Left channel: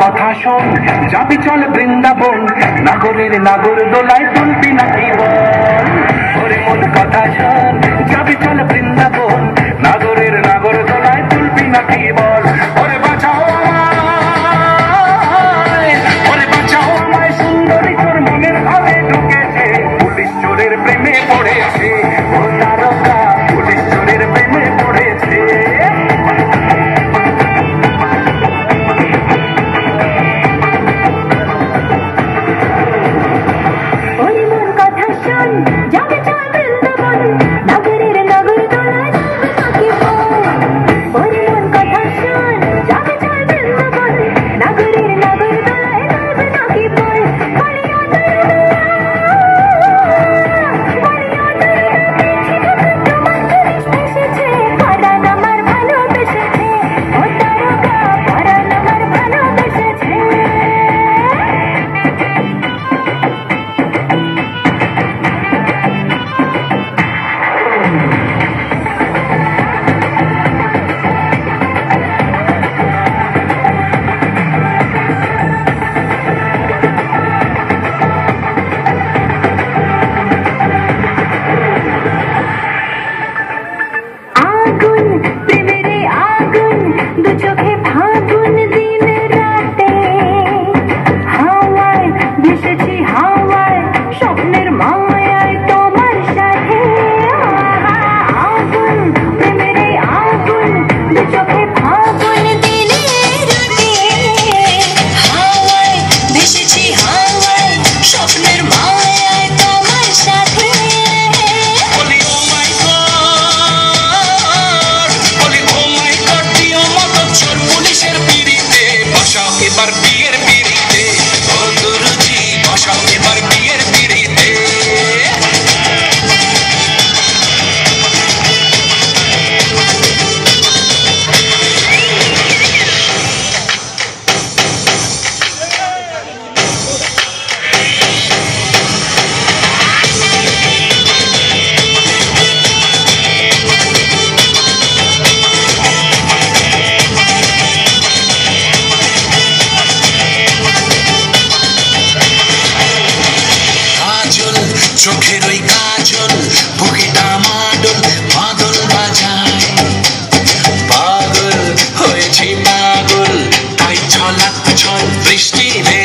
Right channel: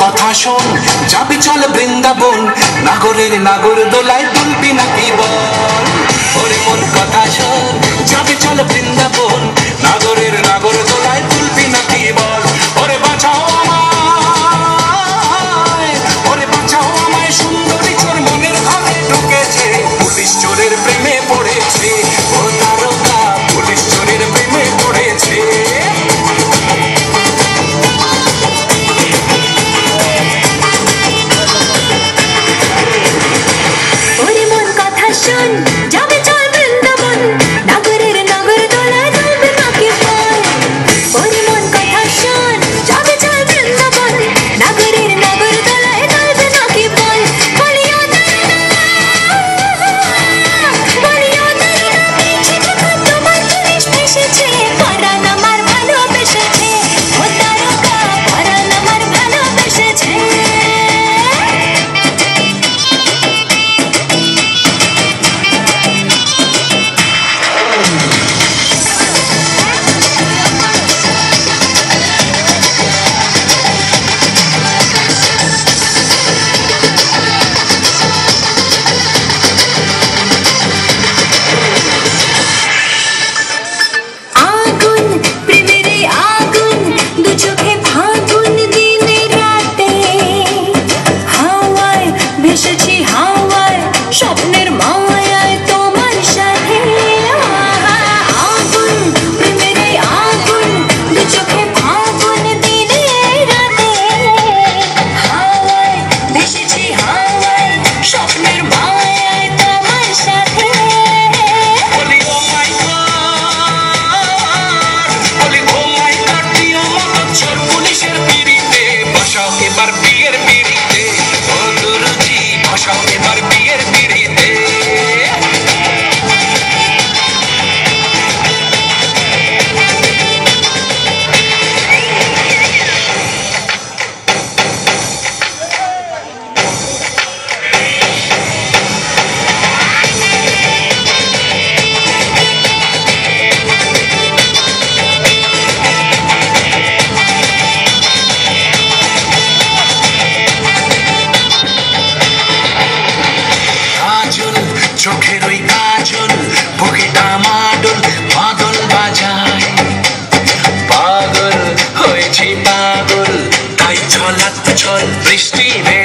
কথা শোন, যাবি চল বৃন্দাবন, নাগরের নাগর দোলায় তুলবি নাকি বল। ওরে মন কথা শোন, যাবি চল বৃন্দাবন, নাগরের নাগর দোলায় তুলবি নাকি বল। ওরে বাঁচাও আমায়, ওরে বাঁচাও আমায়, সুন্দরী চোর মনের ঘরে ঢুকেছে, পুলিশ চোরের প্রেমে পড়েছে। ও তারকা, পুলিশ চোরের প্রেমে পড়েছে। যাবে চল বৃন্দাবন, নাগরের নাগর দোলায় তুলবি নাকি বল। ওরে মন কথা শোন, যাবে চল বৃন্দাবন, নাগরের নাগর দোলায় তুলবি নাকি বল। বলিও তোমার পুলিশ এসেছে, পরাণ আমার ভালোবেসেছে। ও তারকা, পরাণ আমার ভালোবেসেছে। চোখের ওই কাজল, বুকেটা মাদল মাদল বাজায়। পাগল হয়েছি পাগল, তাই ছলাৎ ছল বৃষ্টি রে